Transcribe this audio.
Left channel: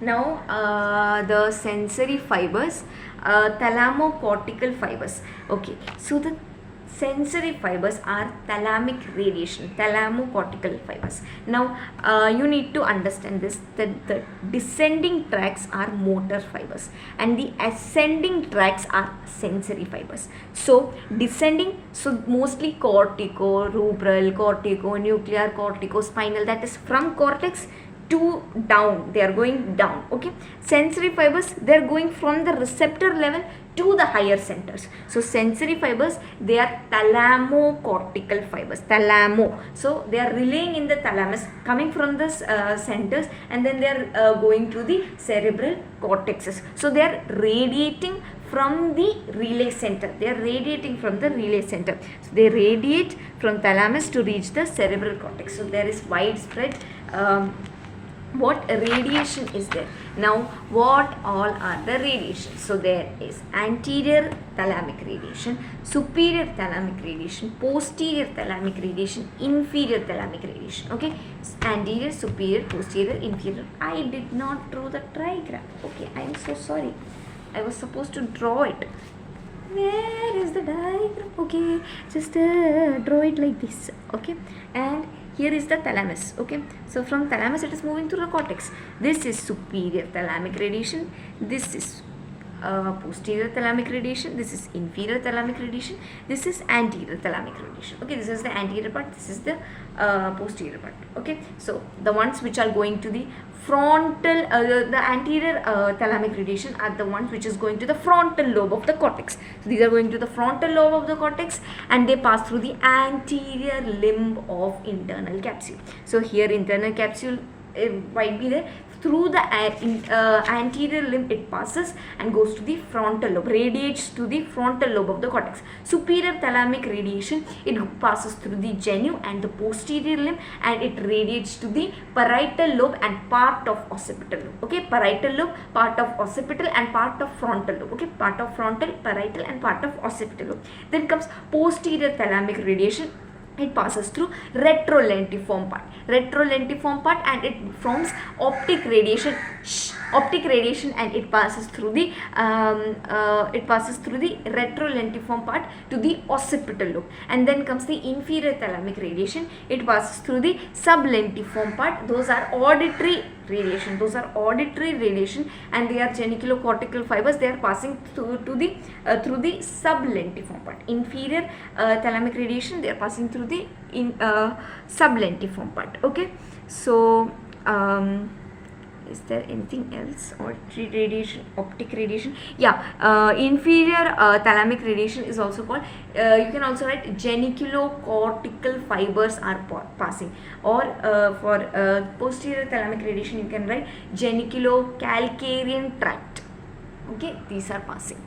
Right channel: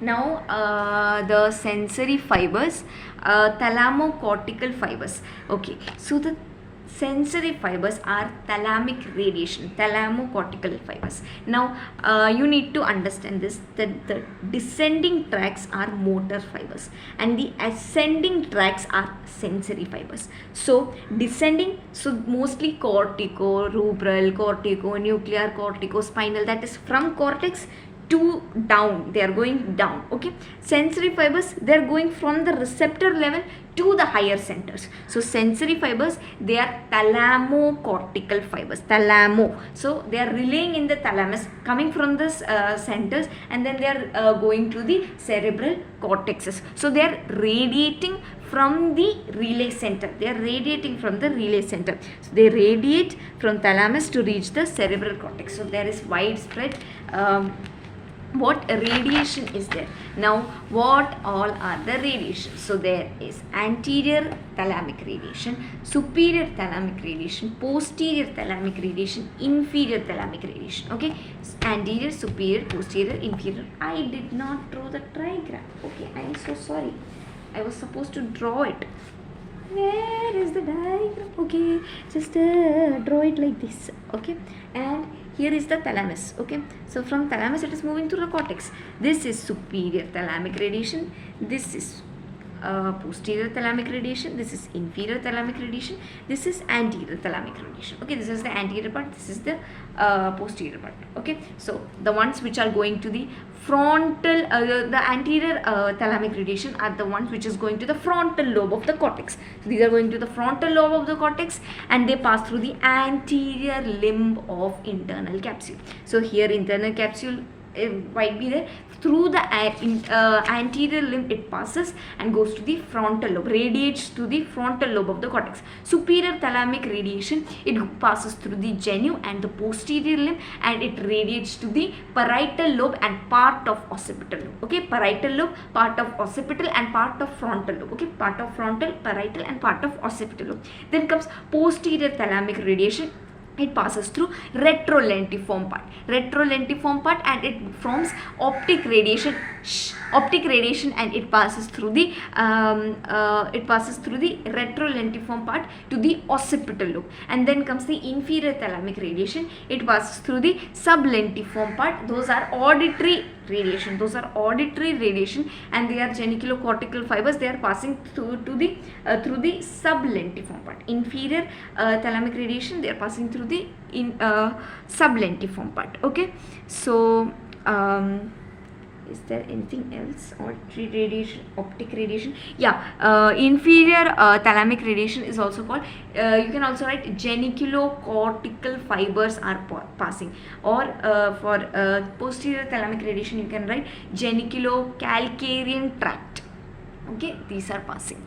Now the sensory fibers, thalamocortical fibers. Okay, so the sensory fibers are thalamic radiation, thalamocortical fibers. Now you need to understand this, that the descending tracts are motor fibers and the ascending tracts are sensory fibers. So descending, so mostly cortico, rubral, cortico, nuclear, cortico, spinal, that is from cortex to down, they are going down. Okay, sensory fibers, they are going from the receptor level to the higher centers. So sensory fibers, they are thalamocortical fibers, thalamo, so they are relaying in the thalamus, coming from the centers, and then they are going to the cerebral cortexes. So they are radiating from the relay center, they are radiating from the relay center. So they radiate from thalamus to reach the cerebral cortex. So there is widespread what radiation is there. Now what all are the radiations? So there is anterior thalamic radiation, superior thalamic radiation, posterior thalamic radiation, inferior thalamic radiation. Okay, anterior, superior, posterior, inferior. I did not draw the diagram. Okay, I am so sorry, I was supposed to draw it. Where is the diagram? Okay, just draw it like this. Okay, and here is the thalamus. Okay, so from thalamus it is moving to the cortex. This is superior thalamic radiation, this is posterior thalamic radiation, this is inferior thalamic radiation, this is anterior thalamic radiation. Okay, this is the anterior part, this is the posterior part. Okay, so the ones which are going to the frontal, the anterior thalamic radiation are the ones which is going to the frontal lobe of the cortex. So these are going to the frontal lobe of the cortex and they pass through the anterior limb of internal capsule. So here internal capsule might be there. Through the anterior limb it passes and goes to the frontal lobe, radiates to the frontal lobe of the cortex. Superior thalamic radiation, it passes through the genu and the posterior limb and it radiates to the parietal lobe and part of occipital lobe. Okay, parietal lobe, part of occipital and part of frontal lobe. Okay, part of frontal, parietal and part of occipital lobe. Then comes posterior thalamic radiation. It passes through retrolentiform part and it forms optic radiation and it passes through the retrolentiform part to the occipital lobe. And then comes the inferior thalamic radiation. It passes through the sublentiform part. Those are auditory radiation, and they are geniculocortical fibers. They are passing through the sublentiform part. Inferior thalamic radiation, they are passing through the sublentiform part. Okay, so is there anything else? Auditory radiation, optic radiation. Yeah, inferior thalamic radiation is also called, you can also write geniculocortical fibers are passing, or for posterior thalamic radiation you can write geniculocalcarian tract. Okay, these are passing.